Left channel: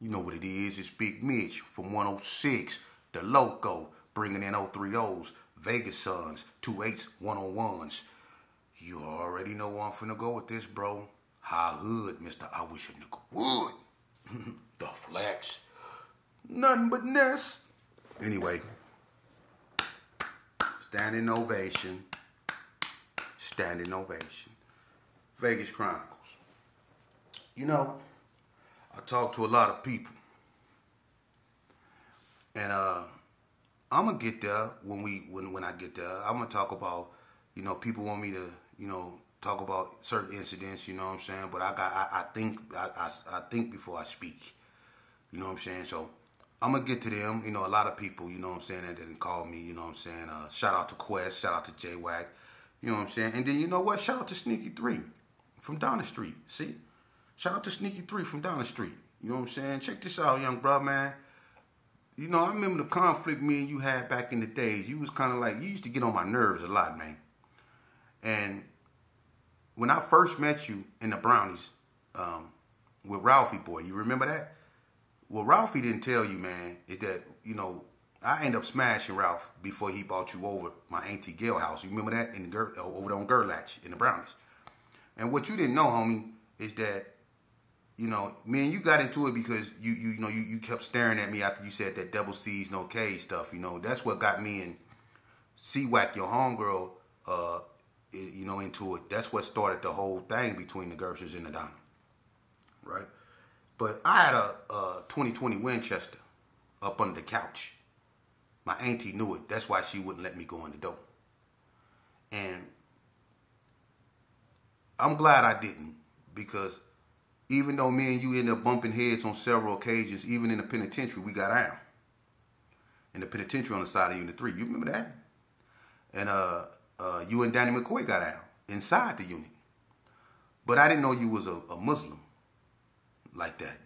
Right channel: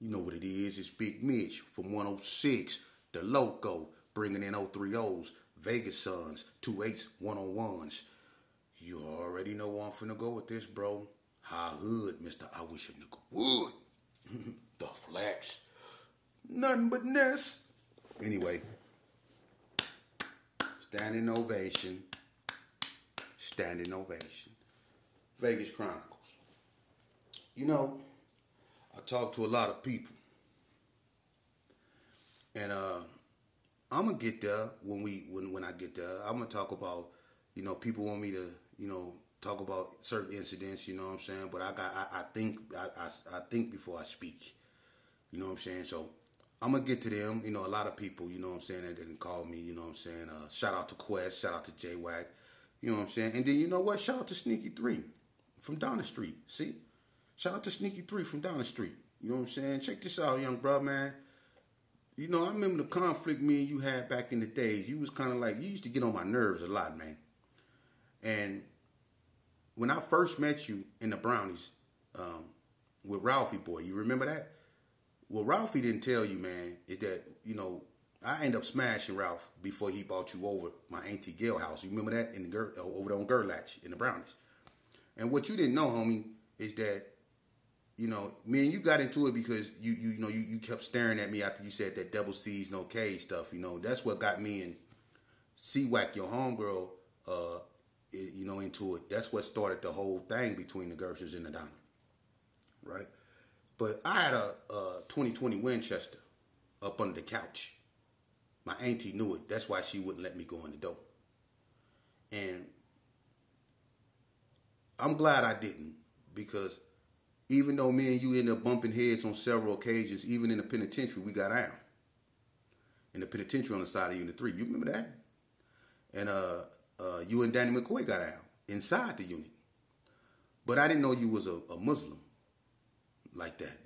You know what it is. It's Big Mitch from 106, The Loco, bringing in 030s, Vegas Suns, 28s, 101s. You already know where I'm finna go with this, bro. High hood, Mr. I wish a nigga would. The flex. Nothing but Ness. Anyway, standing ovation. Standing ovation. Vegas Chronicles. You know, I talk to a lot of people. And I'm gonna get there when I get there. I'm gonna talk about, people want me to, talk about certain incidents, you know what I'm saying? But I think before I speak. You know what I'm saying? So I'm gonna get to them. You know, a lot of people, you know what I'm saying, that didn't call me, you know what I'm saying? Shout out to Quest, shout out to J-Wack, you know what I'm saying? And then you know what? Shout out to Sneaky 3 from down the street. See? Shout out to Sneaky 3 from down the street. You know what I'm saying? Check this out, young bro, man. You know, I remember the conflict me and you had back in the days. You was kind of like, you used to get on my nerves a lot, man. And when I first met you in the Brownies with Ralphie boy, you remember that? What Ralphie didn't tell you, man, is that, I ended up smashing Ralph before he brought you over my Auntie Gail house. You remember that? Over there on Gerlatch in the Brownies. And what you didn't know, homie, is that, me and you got into it because you kept staring at me after you said that double C's, no K stuff. That's what got me and C-Wack, your homegirl, into it. That's what started the whole thing between the Gershers and the Donald, right? But I had a 2020 Winchester up under the couch. My auntie knew it. That's why she wouldn't let me go in the door. And I'm glad I didn't, because even though me and you ended up bumping heads on several occasions, even in the penitentiary, we got out. In the penitentiary on the side of Unit 3. You remember that? And you and Danny McCoy got out inside the unit. But I didn't know you was a Muslim like that,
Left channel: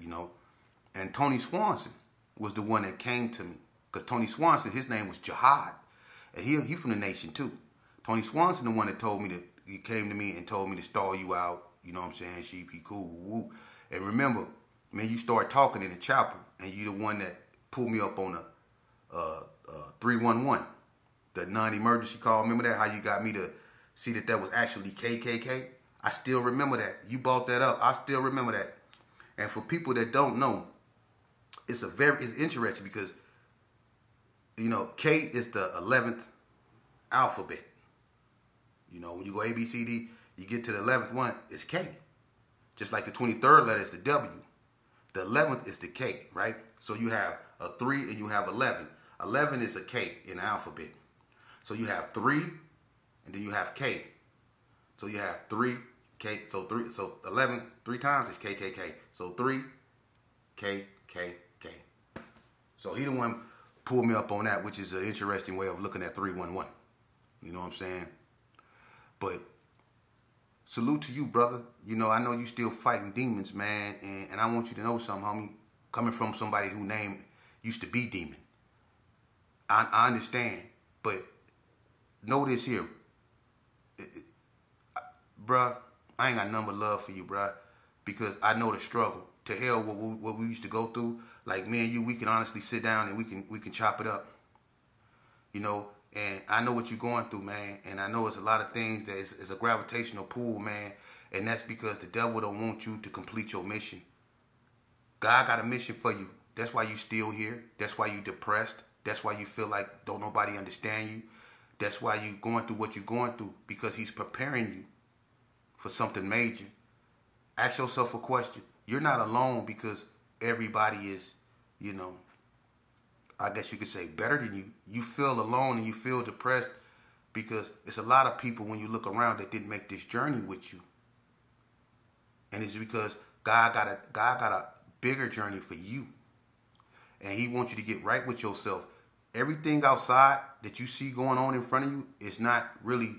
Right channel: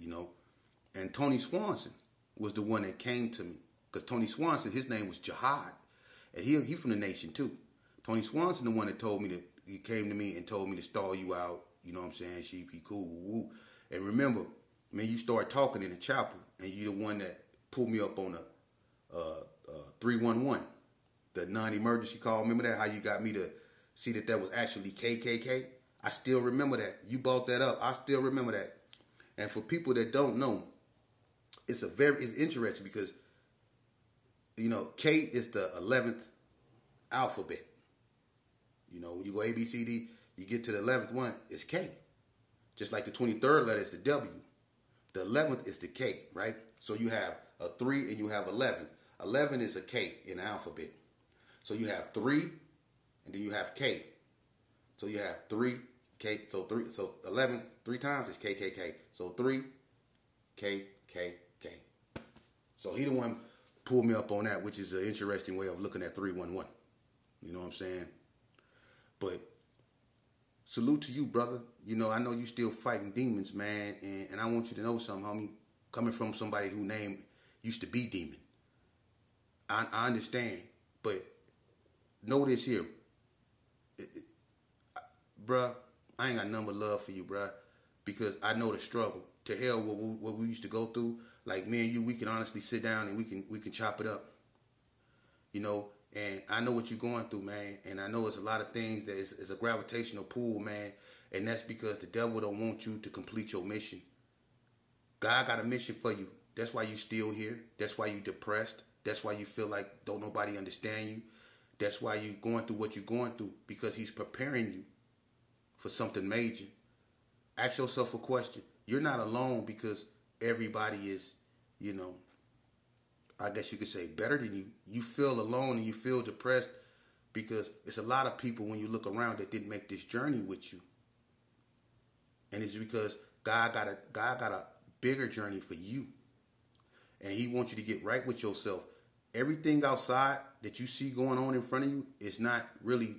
And Tony Swanson was the one that came to me. Because Tony Swanson, his name was Jihad. And he from the nation too. Tony Swanson, the one that told me that, he came to me and told me to stall you out. You know what I'm saying? She'd be cool, woo. And remember, man, you started talking in the chapel, and you the one that pulled me up on a 311, the non-emergency call. Remember that? How you got me to see that was actually KKK? I still remember that. You brought that up. I still remember that. And for people that don't know, it's interesting because, K is the 11th alphabet. When you go A, B, C, D, you get to the 11th one, it's K. Just like the 23rd letter is the W. The 11th is the K, right? So you have a 3 and you have 11. 11 is a K in the alphabet. So you have 3 and then you have K. So you have 3, K. So 11 3 times is K, K, K. So 3, K, K, K. So he the one pulled me up on that, which is an interesting way of looking at 311. You know what I'm saying? But salute to you, brother. I know you still fighting demons, man. And I want you to know something, homie. Coming from somebody whose name used to be Demon. I understand. But know this here. Bruh, I ain't got nothing but love for you, bruh. Because I know the struggle. To hell what we used to go through. Like, me and you, we can honestly sit down and we can chop it up. And I know what you're going through, man. And I know it's a lot of things that is a gravitational pull, man. And that's because the devil don't want you to complete your mission. God got a mission for you. That's why you still here. That's why you depressed. That's why you feel like don't nobody understand you. That's why you going through what you're going through. Because he's preparing you for something major. Ask yourself a question. You're not alone because everybody is, I guess you could say better than you. You feel alone and you feel depressed because it's a lot of people when you look around that didn't make this journey with you. And it's because God got a bigger journey for you. And he wants you to get right with yourself. Everything outside that you see going on in front of you is not really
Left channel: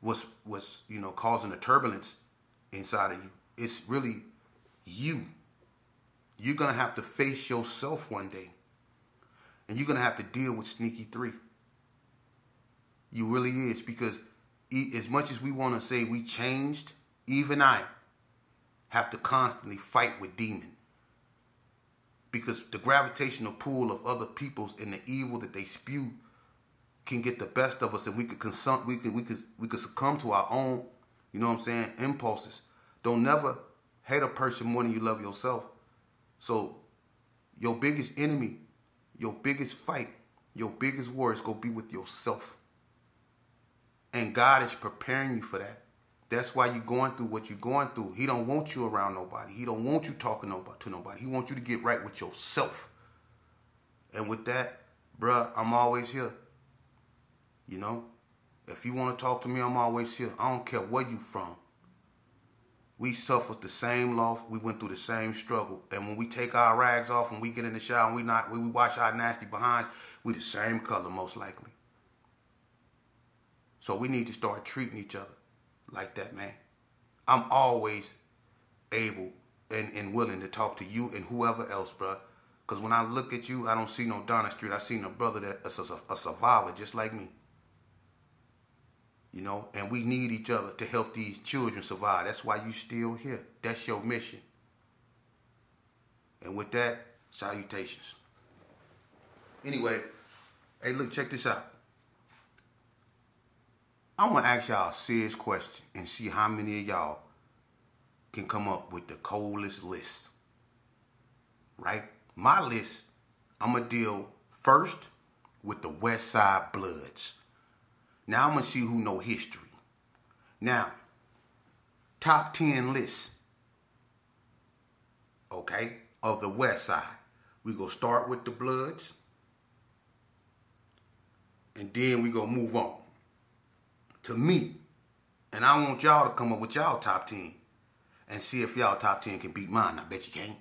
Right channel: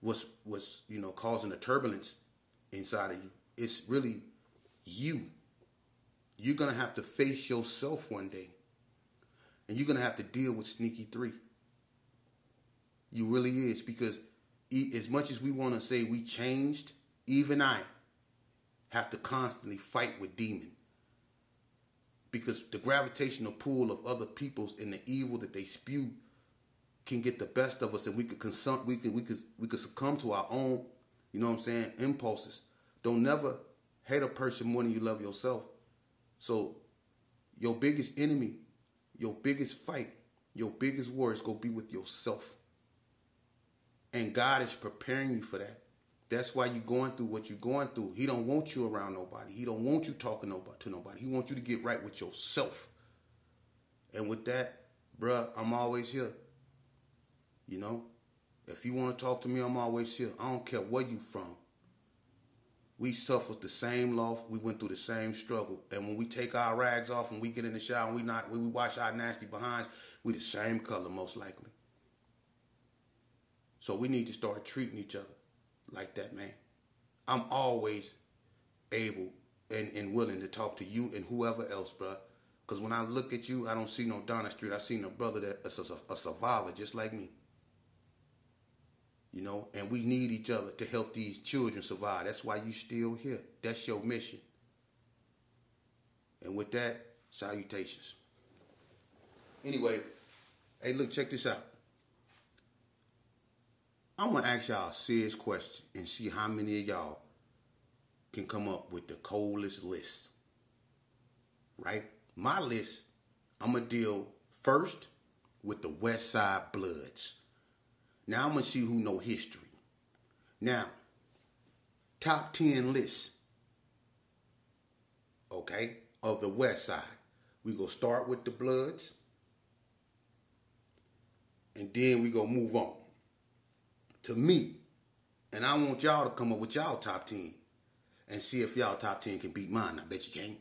what's causing the turbulence inside of you. It's really you. You're going to have to face yourself one day. And you're going to have to deal with Sneaky 3. You really is. Because as much as we want to say we changed, even I have to constantly fight with demon. gravitational pull of other people's and the evil that they spew can get the best of us, and we could succumb to our own, you know what I'm saying, impulses. Don't never hate a person more than you love yourself. So your biggest enemy, your biggest fight, your biggest war is going to be with yourself. And God is preparing you for that. That's why you're going through what you're going through. He don't want you around nobody. He don't want you talking to nobody. He wants you to get right with yourself. And with that, bruh, I'm always here. You know? If you want to talk to me, I'm always here. I don't care where you from. We suffered the same loss. We went through the same struggle. And when we take our rags off and we get in the shower and when we wash our nasty behinds, we the same color most likely. So we need to start treating each other like that, man. I'm always able and willing to talk to you and whoever else, bro. Because when I look at you, I don't see no Donna Street. I see a brother that's a survivor just like me. You know, and we need each other to help these children survive. That's why you still here. That's your mission. And with that, salutations. Anyway, hey, look, check this out. I'm going to ask y'all a serious question and see how many of y'all can come up with the coldest list. Right? My list, I'm going to deal first with the West Side Bloods. Now, I'm going to see who know history. Now, top 10 lists, okay, of the West Side. We going to start with the Bloods, and then we going to move on to me. And I want y'all to come up with y'all top 10 and see if y'all top 10 can beat mine. I bet you can't.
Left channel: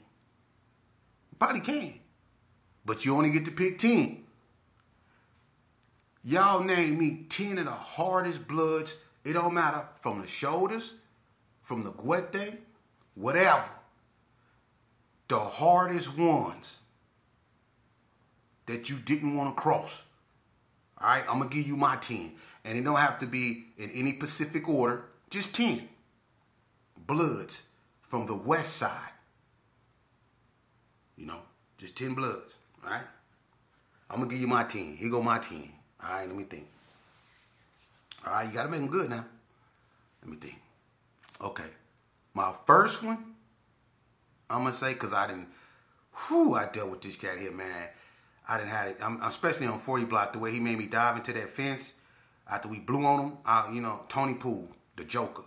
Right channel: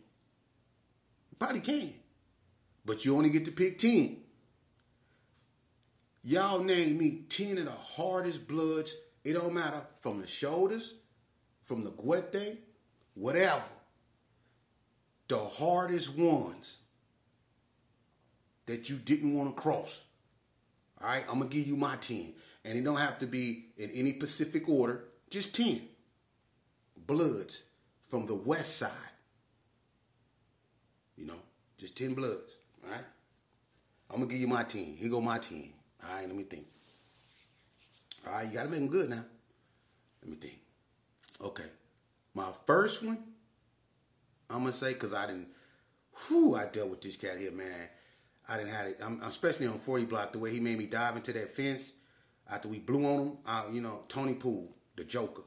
You probably can. But you only get to pick 10. Y'all name me 10 of the hardest Bloods. It don't matter, from the shoulders, from the guete, whatever. The hardest ones that you didn't want to cross. All right, I'm going to give you my 10. And it don't have to be in any specific order. Just 10 Bloods from the West Side. You know, just 10 Bloods. All right? I'm going to give you my 10. Here go my 10. All right, let me think. All right, you got to make them good now. Let me think. Okay. My first one, I'm going to say, because I dealt with this cat here, man. I didn't have it. Especially on 40 Block, the way he made me dive into that fence after we blew on him. You know, Tony Poole, the Joker.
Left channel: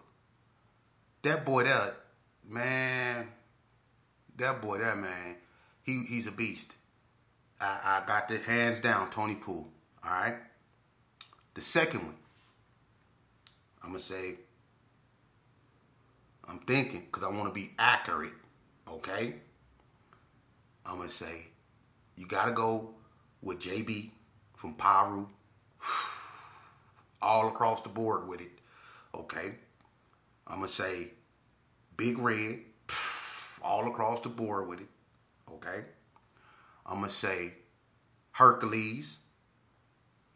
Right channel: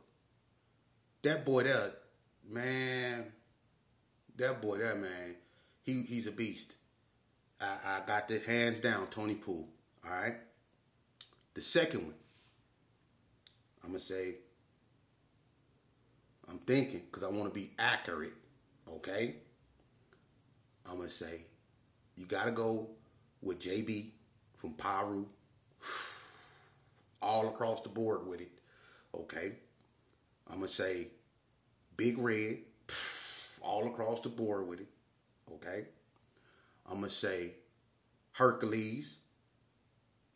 That boy there, man, he's a beast. I got the hands down, Tony Poole. All right? The second one, I'm going to say, I'm thinking, because I want to be accurate, okay? I'm going to say, you got to go with JB from Piru. All across the board with it, okay? I'm going to say Big Red, all across the board with it, okay? I'm going to say Hercules.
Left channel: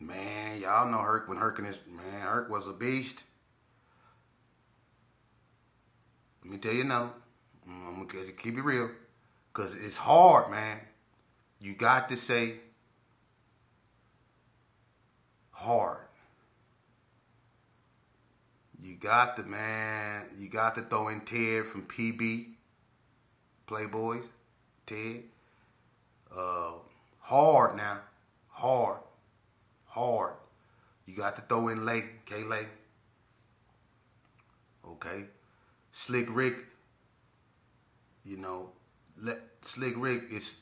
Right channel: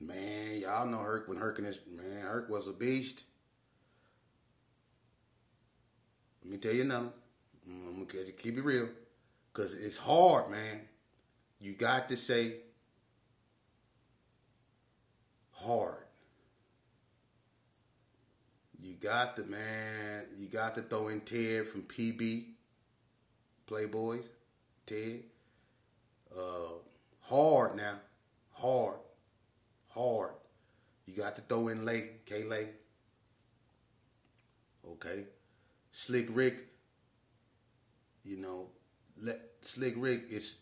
Man, y'all know Herc when Herc was a beast. Let me tell you now, I'm going to keep it real, because it's hard, man. You got to say hard. You got to throw in Ted from PB, Playboys, Ted. Hard now, hard. You got to throw in Lake, K-Lake. Okay. Slick Rick, you know, Slick Rick is,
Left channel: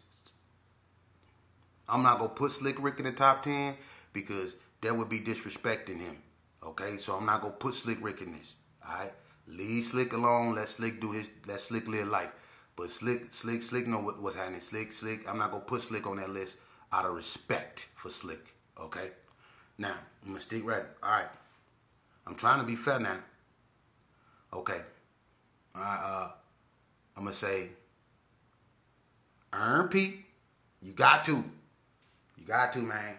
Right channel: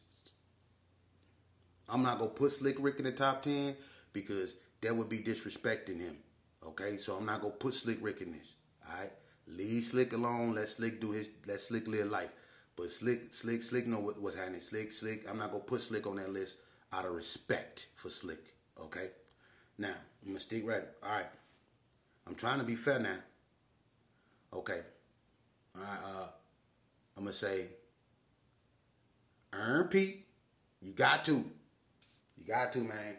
I'm not going to put Slick Rick in the top 10 because that would be disrespecting him. Okay, so I'm not going to put Slick Rick in this. All right? Leave Slick alone. Let Slick live life. But Slick know what's happening. Slick, I'm not going to put Slick on that list out of respect for Slick. Okay? Now, I'm going to stick right. All right. I'm trying to be fair now. Okay. All right, I'm going to say, Earn P. You got to. You got to, man.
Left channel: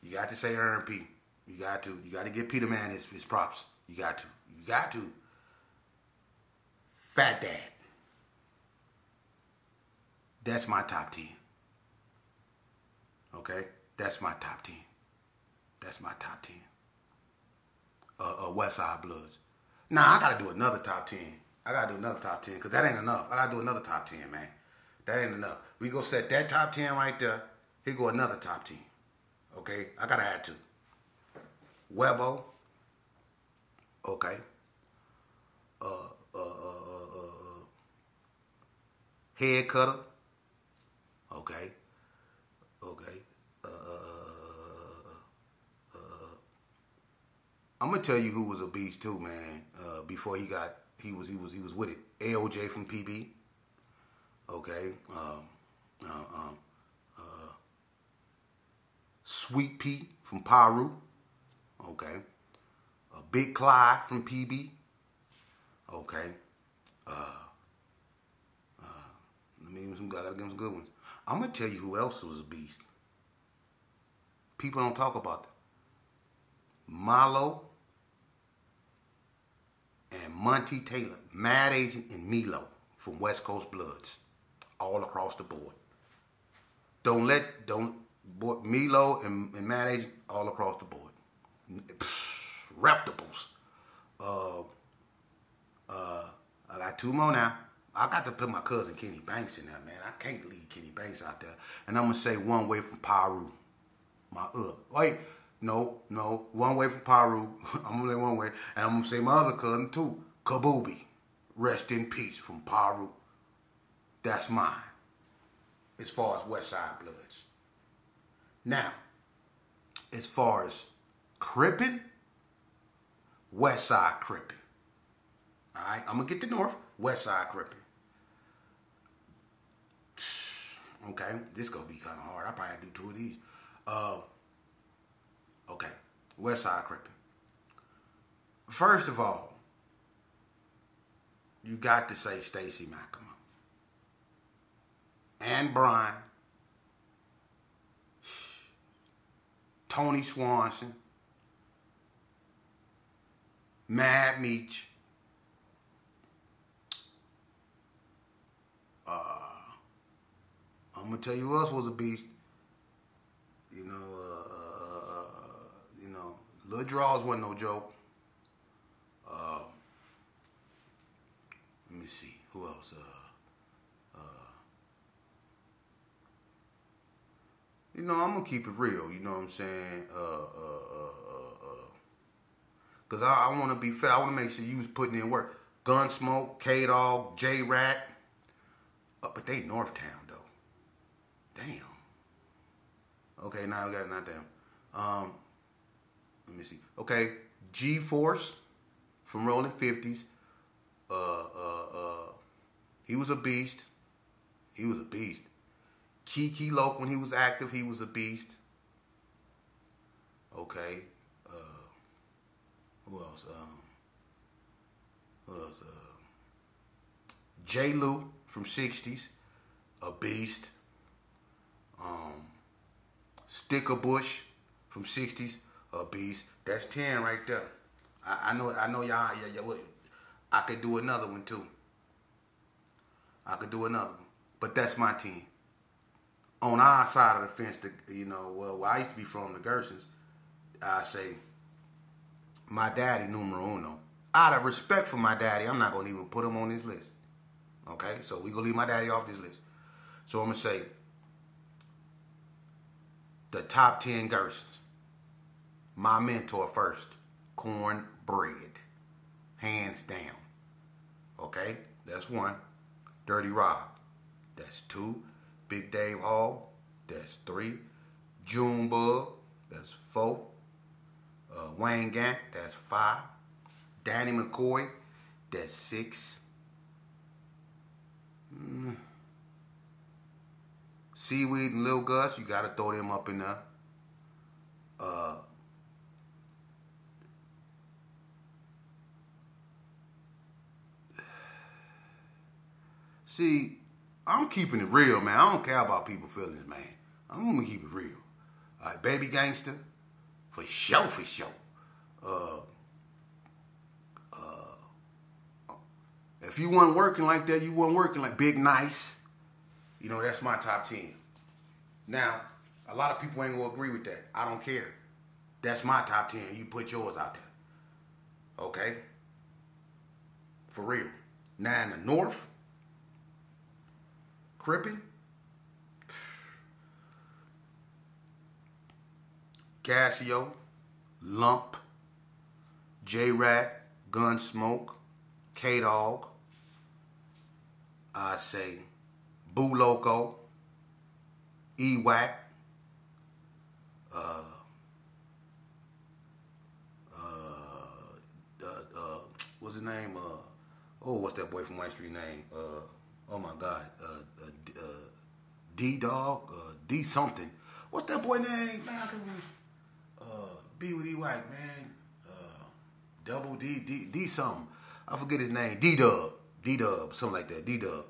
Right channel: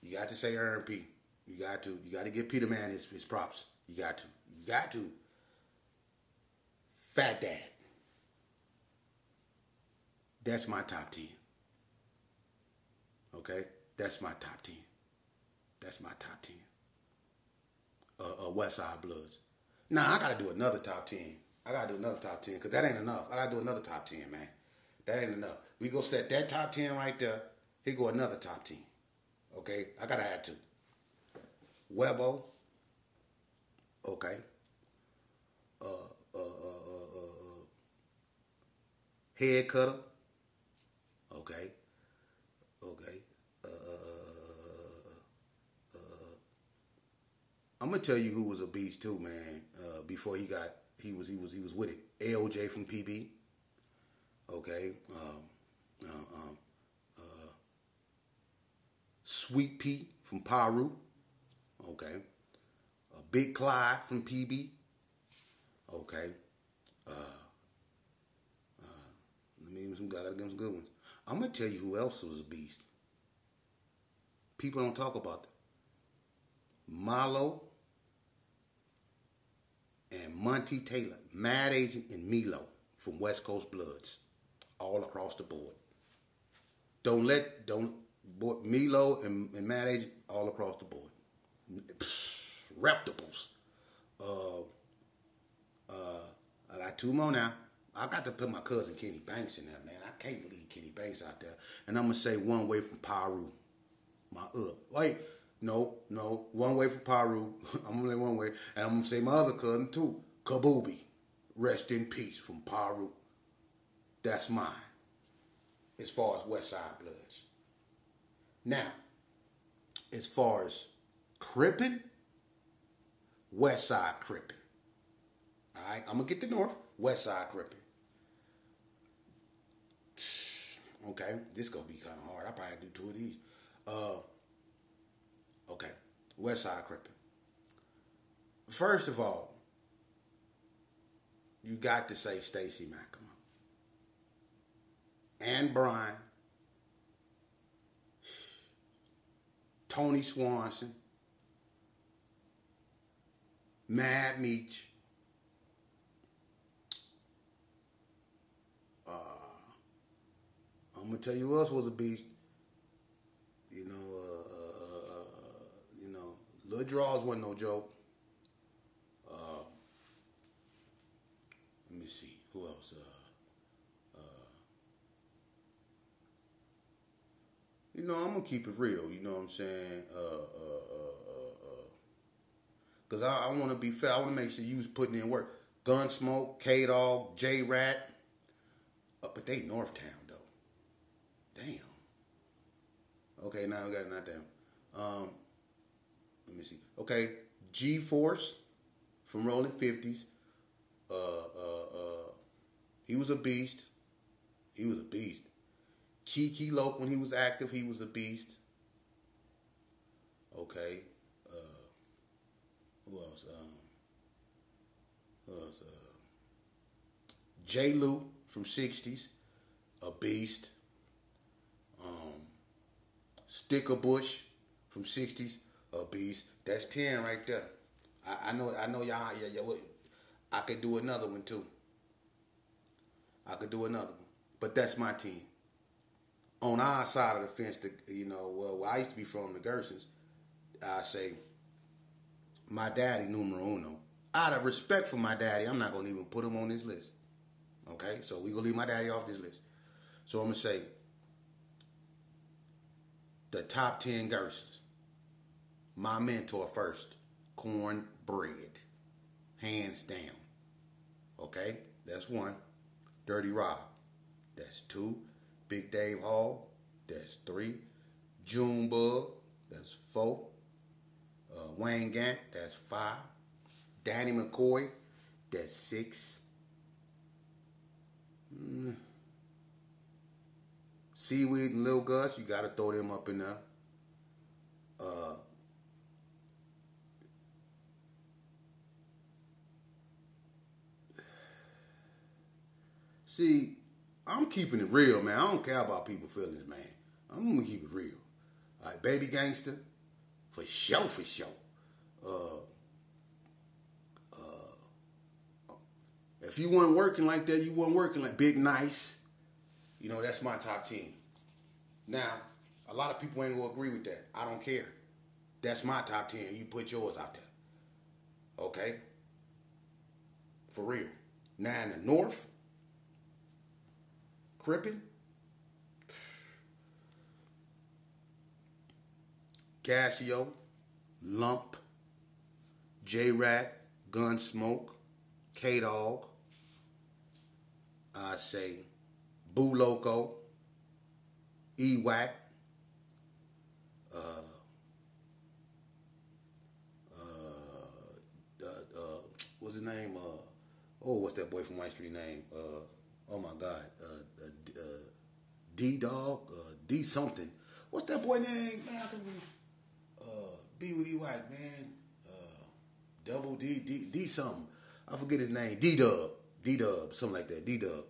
You got to say Earn P. You got to. You got to give Peter Man his props. You got to. You got to. Fat Dad. That's my top 10. Okay, that's my top 10. That's my top 10. West Side Bloods. Now I gotta do another top 10. I gotta do another top 10 because that ain't enough. I gotta do another top 10, man. That ain't enough. We go set that top 10 right there. Here go another top 10. Okay, I gotta add two. Webo. Okay. Head Cutter. Okay. Okay. I'm gonna tell you who was a beast too, man. Before he was with it. AOJ from PB. Okay. Sweet Pea from Paru. Okay. Big Clyde from PB. Okay. Gotta give him some good ones. I'm gonna tell you who else was a beast. People don't talk about that. Malo and Monty Taylor, Mad Agent and Milo from West Coast Bloods, all across the board. Milo and Mad Agent all across the board. Reptables. I got two more now. I got to put my cousin Kenny Banks in there, man. I can't leave Kenny Banks out there. And I'm going to say One Way from Paru. One Way from Paru. I'm going to say One Way. And I'm going to say my other cousin, too. Kabubi. Rest in peace from Paru. That's mine. As far as West Side Bloods. Now, as far as Crippin', West Side Crippin'. All right, I'm going to get the North. West Side Crippin'. Okay, this going to be kind of hard. I probably have to do two of these. Okay, West Side Crippin'. First of all, you got to say Stacey McAmon. Ann Bryan. Tony Swanson. Mad Meech. I'm gonna tell you who else was a beast. Lil Draws wasn't no joke. Let me see who else. I'm gonna keep it real. You know what I'm saying? Cause I want to be fair. I want to make sure you was putting in work. Gunsmoke, K-Dog, J-Rat. But they Northtown. Damn. Okay, now we got not damn. Let me see. Okay, G-Force from Rolling 50s. He was a beast. He was a beast. Kiki Loke, when he was active, he was a beast. Okay. Who else? J. Lou from 60s. A beast. Sticker Bush from 60s, a beast. That's 10 right there. I know y'all. Yeah. I could do another one too. But that's my team. On our side of the fence, where I used to be from, the Gersons, I say my daddy numero uno. Out of respect for my daddy, I'm not gonna even put him on this list. Okay, so we gonna leave my daddy off this list. So I'm gonna say the top 10 Gersons. My mentor first, Cornbread, hands down. Okay, that's one. Dirty Rob, that's two. Big Dave Hall, that's three. Junebug, that's four. Wayne Gant, that's five. Danny McCoy, that's six. Seaweed and Lil Gus, you got to throw them up in there. See, I'm keeping it real, man. I don't care about people's feelings, man. I'm going to keep it real. All right, Baby Gangster, for sure. If you weren't working like that, you weren't working like Big Nice. That's my top 10. Now, A lot of people ain't gonna agree with that. I don't care. That's my top 10. You put yours out there. Okay? For real. Now in the North, Crippin', Casio, Lump, J-Rat, Gunsmoke, K-Dog, I say Boo Loco, E-Wack, what's his name? What's that boy from White Street name? Oh my God, D-Dog, D something. What's that boy name? Man, I can B with E-Wack, man. Double D something. I forget his name. D-Dub, something like that. D-Dub.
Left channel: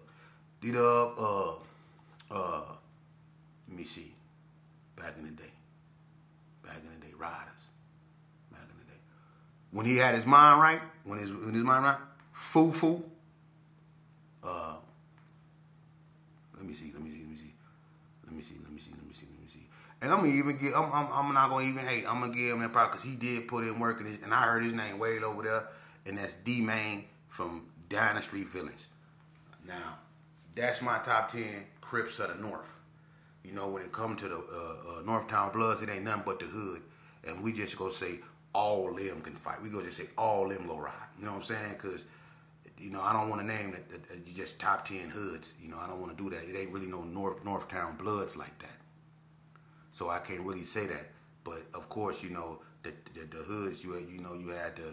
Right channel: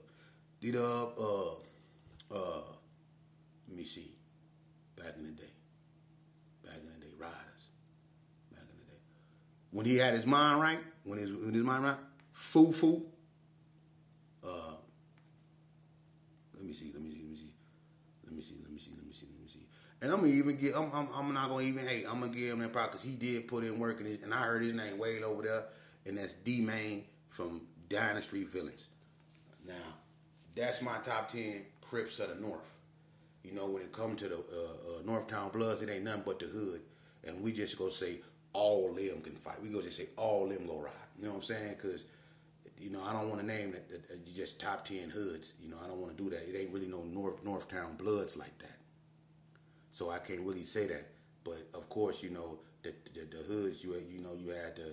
Let me see. Back in the day, Riders. Back in the day, when he had his mind right, when his mind right, Foo. Let me see. And I'm gonna even get. I'm not gonna even hate. I'm gonna give him that part because he did put in work, and I heard his name way over there, and that's D-Main from Down the Street Villains. Now, that's my top 10 Crips of the North. You know, when it comes to the Northtown Bloods, it ain't nothing but the hood, and we just go say all them can fight. We go just say all them go ride. You know what I'm saying? Because you know, I don't want to name it just top 10 hoods. You know, I don't want to do that. It ain't really no Northtown Bloods like that. So I can't really say that. But of course, you know, the hoods. You had the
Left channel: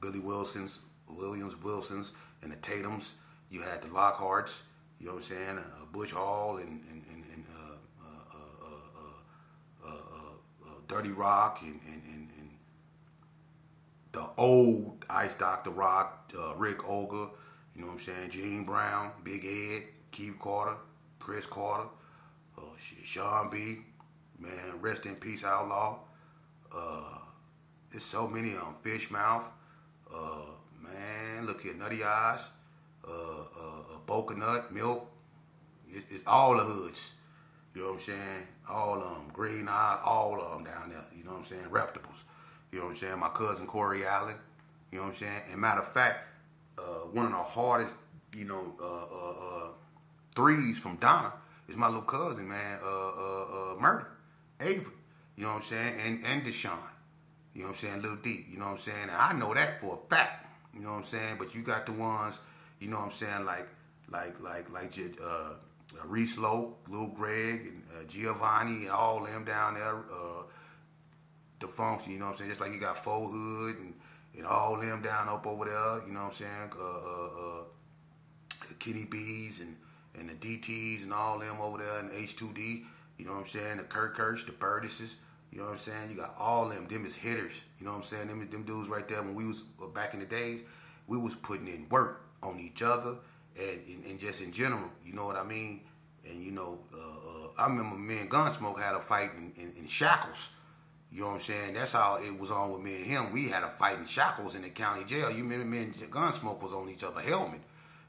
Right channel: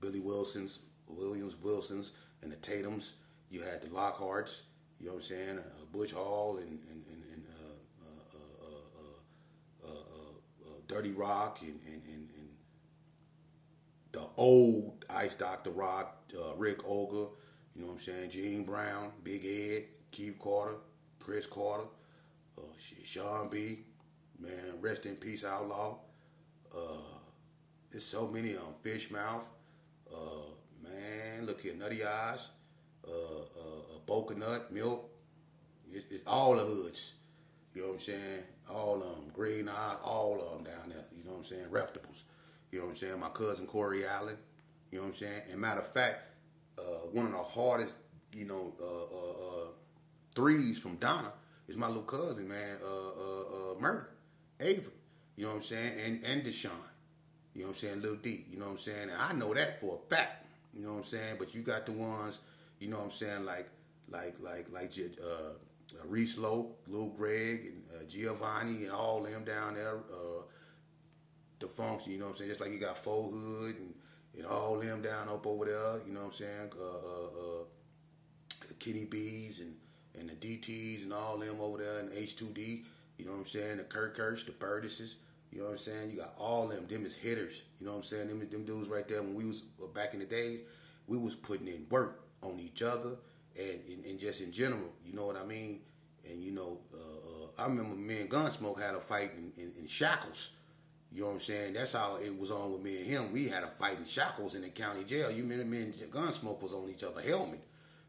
Billy Williams, and the Tatums. You had the Lockharts. You know what I'm saying? Butch Hall and Dirty Rock and the old Ice Dr. Rock, Rick Olga. You know what I'm saying? Gene Brown, Big Ed, Keith Carter, Chris Carter, Sean B. Man, rest in peace, Outlaw. There's so many of them. Fishmouth. Man, look here, Nutty Eyes. Boca Nut, Milk. It's all the hoods. You know what I'm saying? All of them. Green Eyes, all of them down there. You know what I'm saying? Reptables. You know what I'm saying? My cousin Corey Allen. You know what I'm saying? And matter of fact, one of the hardest, threes from Donna is my little cousin, man, Murder, Avery. You know what I'm saying? And Deshaun. You know what I'm saying? Lil D. You know what I'm saying? And I know that for a fact. You know what I'm saying? But you got the ones, you know what I'm saying, like Reese Lowe, Lil Greg, and Giovanni, and all them down there. The Function, you know what I'm saying? Just like you got Faux Hood and all them down up over there, you know what I'm saying? Kitty B's and the DTs and all them over there and H2D, you know what I'm saying? The Kirsch, the Burdises, you know what I'm saying? You got all them is hitters, you know what I'm saying? Them dudes right there, when we was back in the days, we was putting in work on each other and just in general, you know what I mean? And you know, I remember me and Gunsmoke had a fight in Shackles. You know what I'm saying? That's how it was on with me and him. We had a fight in Shackles in the county jail. You remember me and Gunsmoke was on each other's helmet.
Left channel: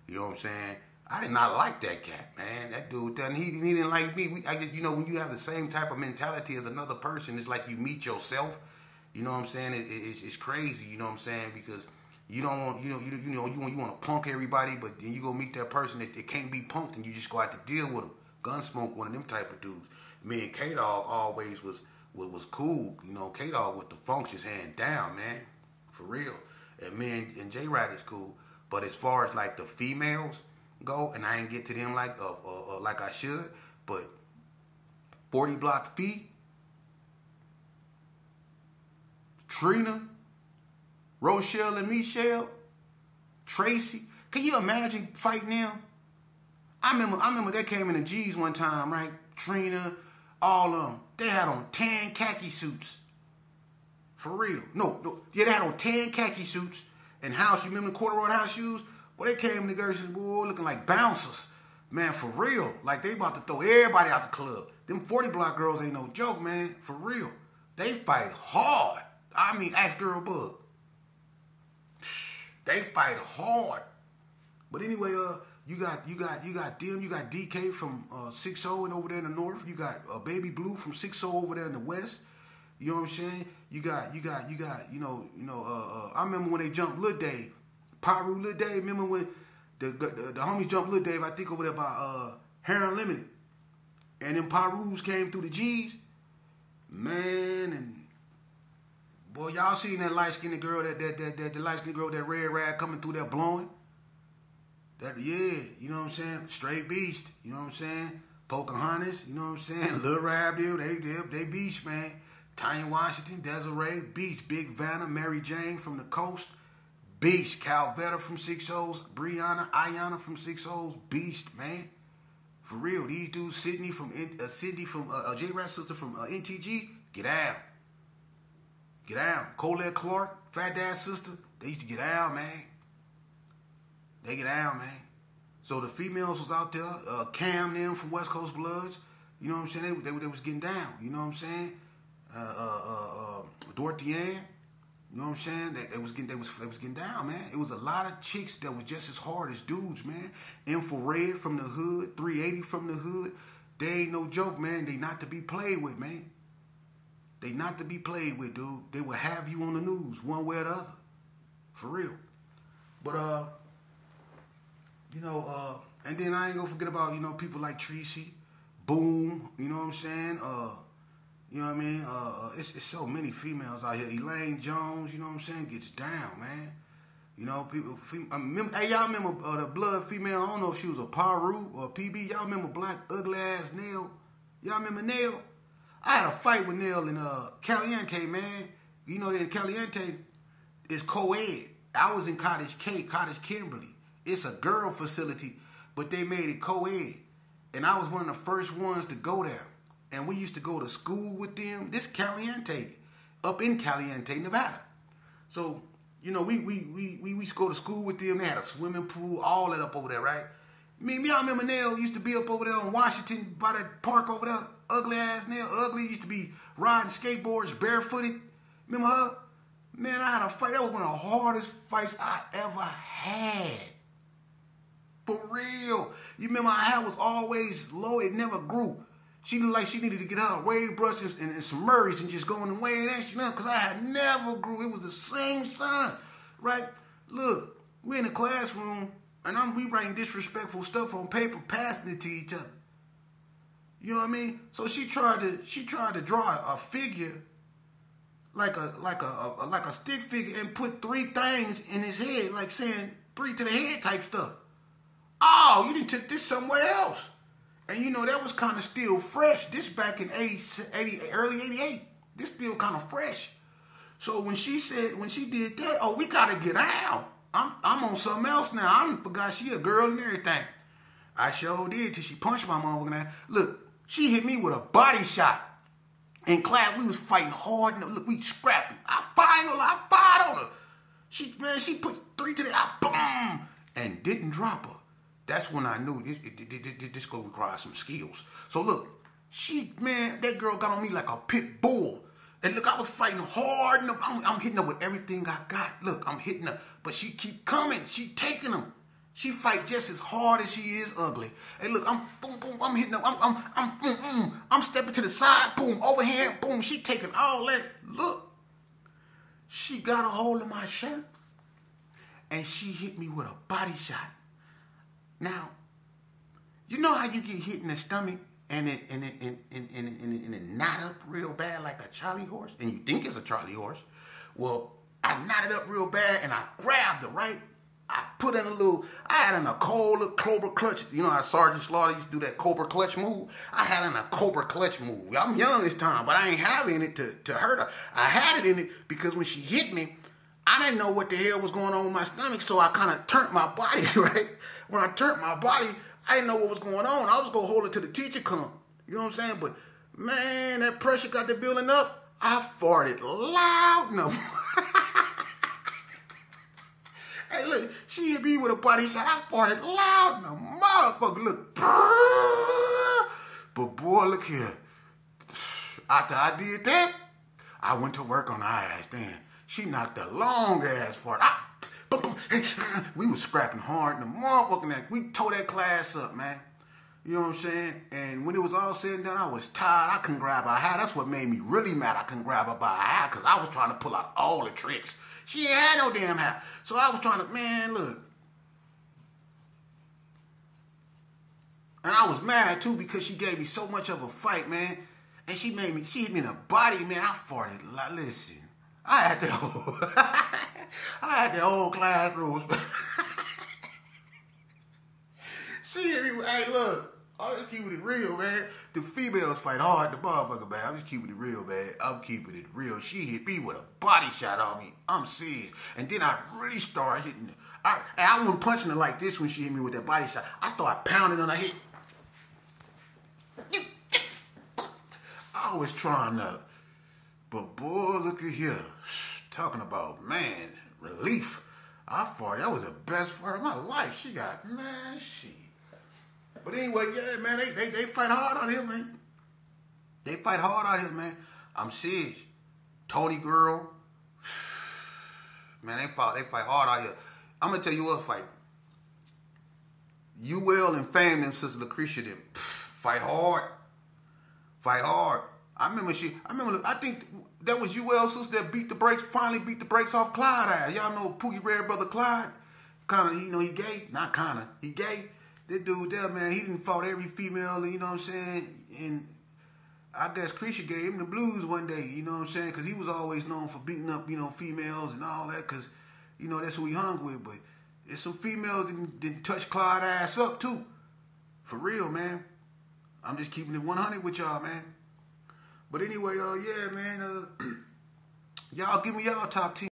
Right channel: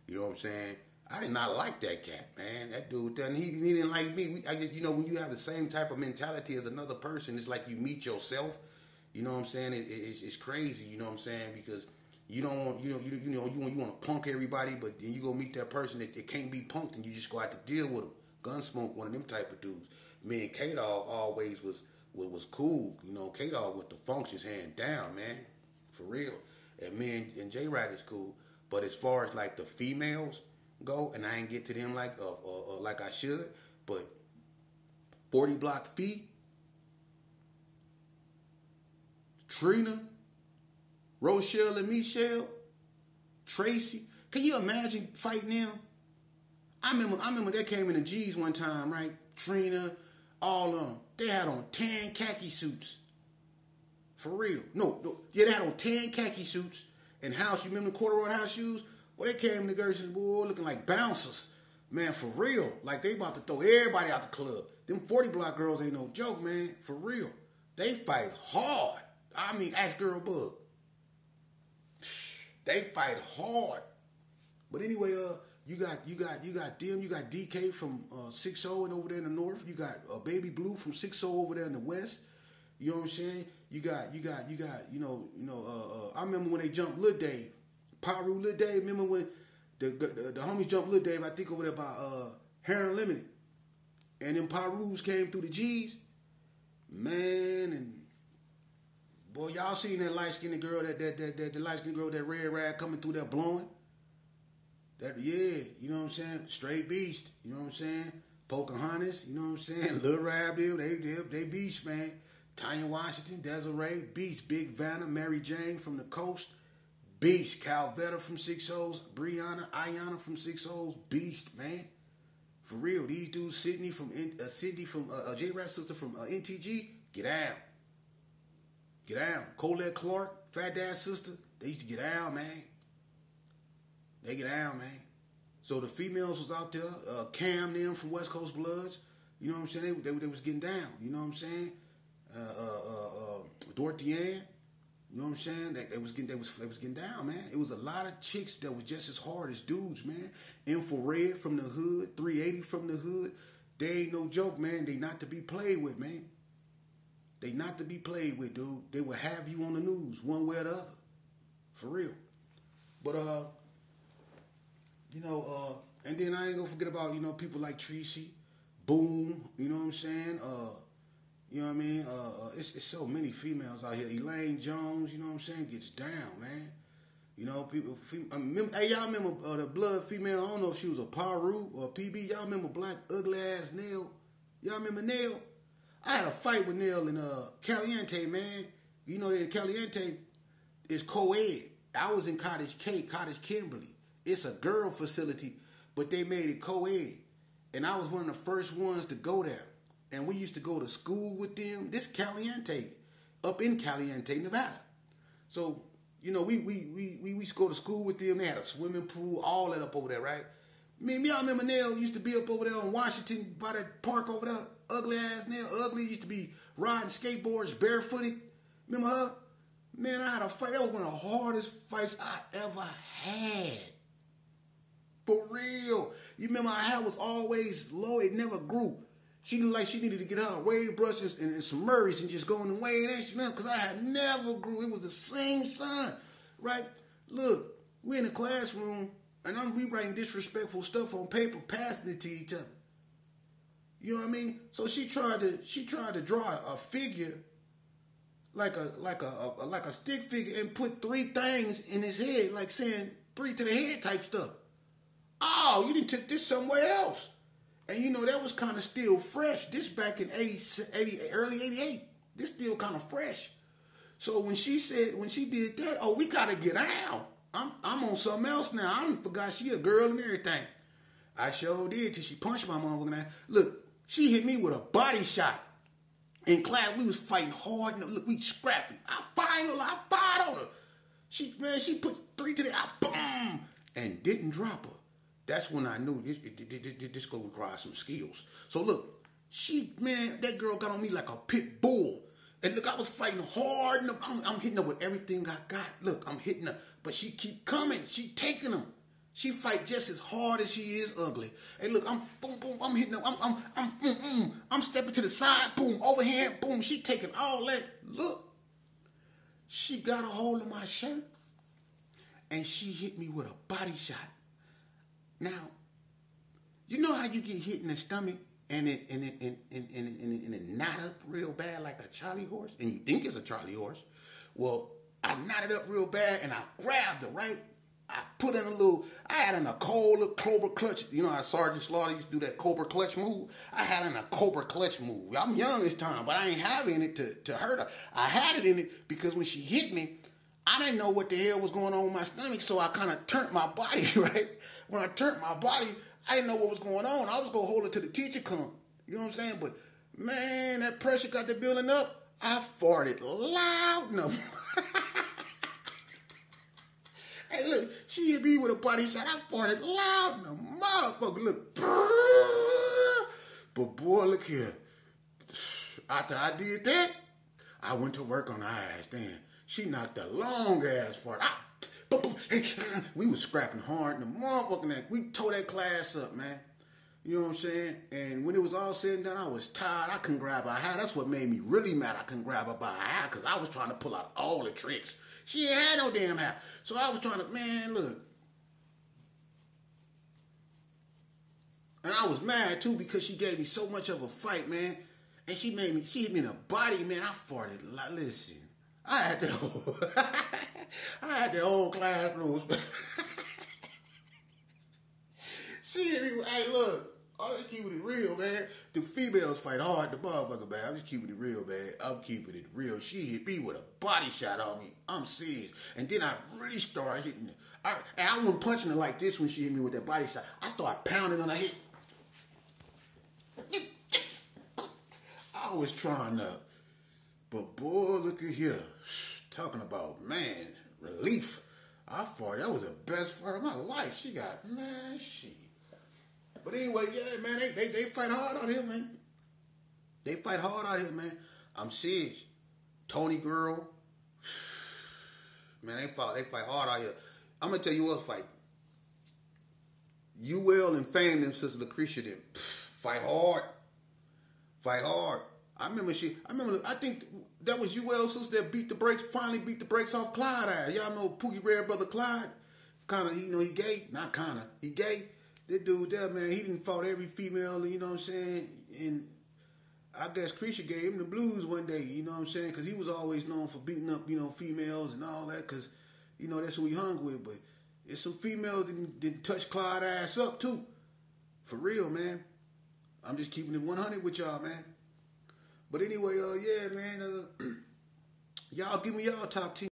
You know what I'm saying? I did not like that cat, man. That dude, he didn't like me. I guess, you know, when you have the same type of mentality as another person, it's like you meet yourself. You know what I'm saying? It's crazy. You know what I'm saying? Because you don't want, you want to punk everybody, but then you go meet that person that can't be punked, and you just go out to deal with them. Gunsmoke, one of them type of dudes. Me and K-Dog always was cool. You know, K-Dog with the functions hand down, man, for real. And me and J-Rod is cool. But as far as like the females go, and I ain't get to them like I should, but 40 Block Fee, Trina, Rochelle and Michelle, Tracy. Can you imagine fighting them? I remember they came in the G's one time, right? Trina, all of them. They had on 10 khaki suits. For real. No. Yeah, they had on 10 khaki suits and house. You remember the corduroy house shoes? Well, they came to Gershon, boy, looking like bouncers. Man, for real. Like they about to throw everybody out the club. Them 40 Block girls ain't no joke, man. For real. They fight hard. I mean, ask Girl Bug. They fight hard. But anyway, You got them. You got DK from 6-0 and over there in the north. You got Baby Blue from 6-0 over there in the west. You know what I'm saying? You got. I remember when they jumped Lil Dave, Pyru Lil Dave. Remember when the homies jumped Lil Dave? I think over there by Hair Unlimited, and then Pyrus came through the G's, man. And boy, y'all seen that light skinned girl, that light skinned girl, that red rag coming through there blowing. That, yeah, you know what I'm saying? Straight beast, you know what I'm saying? Pocahontas, you know what I'm saying? Lil Rab, they beast, man. Tanya Washington, Desiree, beast. Big Vanna, Mary Jane from the coast, beast. Calvetta from 6-0s, Brianna, Ayana from 6-0s, beast, man. For real, these dudes, Sydney from J-Rat's sister from NTG, get out. Get out. Colette Clark, Fat Dad's sister, they used to get out, man. They get out, man. So the females was out there, Cam them from West Coast Bloods, you know what I'm saying? They was getting down, you know what I'm saying? Dorothy Ann, you know what I'm saying? They was getting down, man. It was a lot of chicks that was just as hard as dudes, man. Infrared from the hood, 380 from the hood. They ain't no joke, man. They not to be played with, man. They not to be played with, dude. They will have you on the news one way or the other. For real. But, and then I ain't gonna forget about, people like Tracy, Boom, you know what I'm saying? You know what I mean? It's so many females out here. Elaine Jones, you know what I'm saying, gets down, man. You know, hey, y'all remember the blood female? I don't know if she was a Paru or a PB. Y'all remember black ugly ass Nail? Y'all remember Nail? I had a fight with Nail in Caliente, man. You know that in Caliente is co-ed. I was in Cottage Kimberly. It's a girl facility, but they made it co-ed. And I was one of the first ones to go there. And we used to go to school with them. This Caliente, up in Caliente, Nevada. So, we used to go to school with them. They had a swimming pool, all that up over there, right? Y'all remember Nail used to be up over there on Washington by that park over there? Ugly ass Nail. Ugly used to be riding skateboards, barefooted. Remember her? Man, I had a fight. That was one of the hardest fights I ever had. For real. You remember her hair was always low. It never grew. She looked like she needed to get her wave brushes and some Murrays and just go in the way and extra because I had never grew. It was the same time, right? Look, we in the classroom and we writing disrespectful stuff on paper, passing it to each other. You know what I mean? So she tried to draw a figure like a stick figure and put 3 things in his head, like saying 3 to the head type stuff. Oh, you done took this somewhere else. And that was kind of still fresh. This back in early 88. This still kind of fresh. So when she did that, oh, we gotta get out. I'm on something else now. I forgot she a girl and everything. I sure did till she punched my motherfucking ass. Look, she hit me with a body shot. In class, we was fighting hard. And look, we scrapping. I fired on her. She put 3 to the boom, and didn't drop her. That's when I knew this gonna require some skills. So look, that girl got on me like a pit bull. And look, I was fighting hard. I'm hitting her with everything I got. Look, I'm hitting her, but she keep coming. She taking them. She fight just as hard as she is ugly. And look, I'm hitting her. I'm stepping to the side. Boom, overhand. Boom. She taking all that. Look, she got a hold of my shirt, and she hit me with a body shot. Now, you know how you get hit in the stomach and it knot up real bad like a Charlie horse? And you think it's a Charlie horse. Well, I knotted up real bad and I grabbed her, right? I put in I had in a cold Cobra clutch. You know how Sergeant Slaughter used to do that Cobra clutch move? I had in a Cobra clutch move. I'm young this time, but I ain't having it to hurt her. I had it in it because when she hit me, I didn't know what the hell was going on with my stomach, so I kind of turned my body, right? When I turned my body, I didn't know what was going on. I was going to hold it till the teacher come. You know what I'm saying? But, man, that pressure got the building up. I farted loud. No. Hey, look, she hit me with a body shot. I farted loud. No, motherfucker, look. But, boy, look here. After I did that, I went to work on her ass then. She knocked a long ass fart. We was scrapping hard, and the motherfucking we tore that class up, man. You know what I'm saying? And when it was all said and done, I was tired. I couldn't grab her hair. That's what made me really mad. I couldn't grab her by her hair because I was trying to pull out all the tricks. She ain't had no damn hair. So I was trying to, man, look. And I was mad, too, because she gave me so much of a fight, man. And she hit me in the body, man. I farted. Listen, I had that whole classroom. She hit me with, hey, look. I'm just keeping it real, man. The females fight hard, the motherfucker, man. I'm just keeping it real, man. I'm keeping it real. She hit me with a body shot on me. I'm serious. And then I really started hitting her. I wasn't punching her like this when she hit me with that body shot. I started pounding on her head. I was trying to, but boy, look at here. Talking about, man, relief. I farted. That was the best fart of my life. She got, man, shit. But anyway, yeah, man, they fight hard out here, man. They fight hard out here, man. I'm serious. Tony girl, man, they fight hard out here. I'm gonna tell you what fight. UL and Fame, them sister Lucretia, them fight hard. Fight hard. I think that was UL sister that finally beat the brakes off Clyde ass. Y'all know Pookie Red brother Clyde? Kinda, you know, he gay. Not kinda, he gay. This dude there, man, he done fought every female, you know what I'm saying? And I guess Creature gave him the blues one day, you know what I'm saying? Because he was always known for beating up, you know, females and all that, because, you know, that's who he hung with. But there's some females that didn't touch Clyde ass up, too. For real, man. I'm just keeping it 100 with y'all, man. But anyway, yeah, man, y'all give me y'all top 10.